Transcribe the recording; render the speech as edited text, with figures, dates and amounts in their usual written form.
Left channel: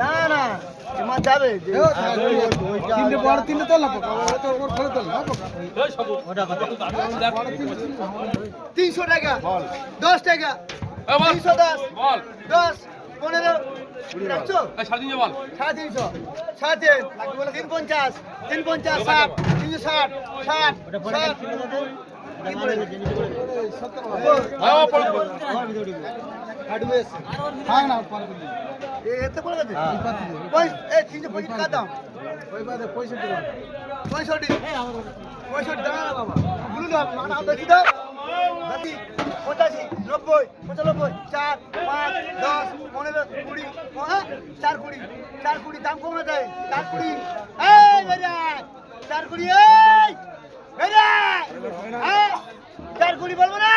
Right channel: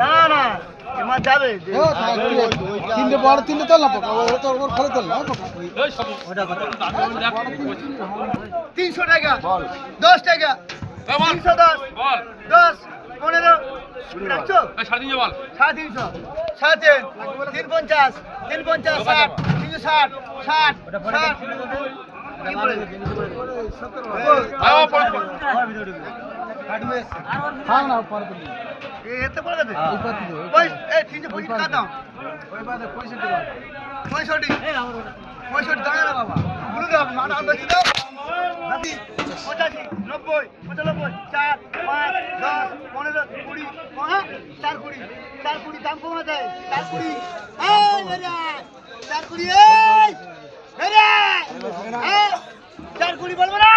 না না মাছ যাবে তিনটে বড় তিনটে তোল না পোকা ওর খোলে তোল না ওটা কত 300 টাকা 10 টাকা 310 বল 10 15 রাখছো 350 বল 350 350 350 60 360 60 ওটা পড়ে গেছে ওটা মার গেছে নিচে পড়ে গেছে আয় পড়ে আমার ভিতরে ঢুকে কাটুয়েস হ্যাঁ না পরে দিবি এতে পড়ে গেছে কই এই 325 টাকা দাও ওই বাদে 65 টাকা 65 65 দাও না বাবা বলু দাও না বেশি দাও দাদি 85 90 95 4 5 10 15 20 হ্যাঁ 4 20 4 20 দাম কমা যায় 4 20 এই বেরা 4 20 এই বেরা হ্যাঁ 4 20 বলবো না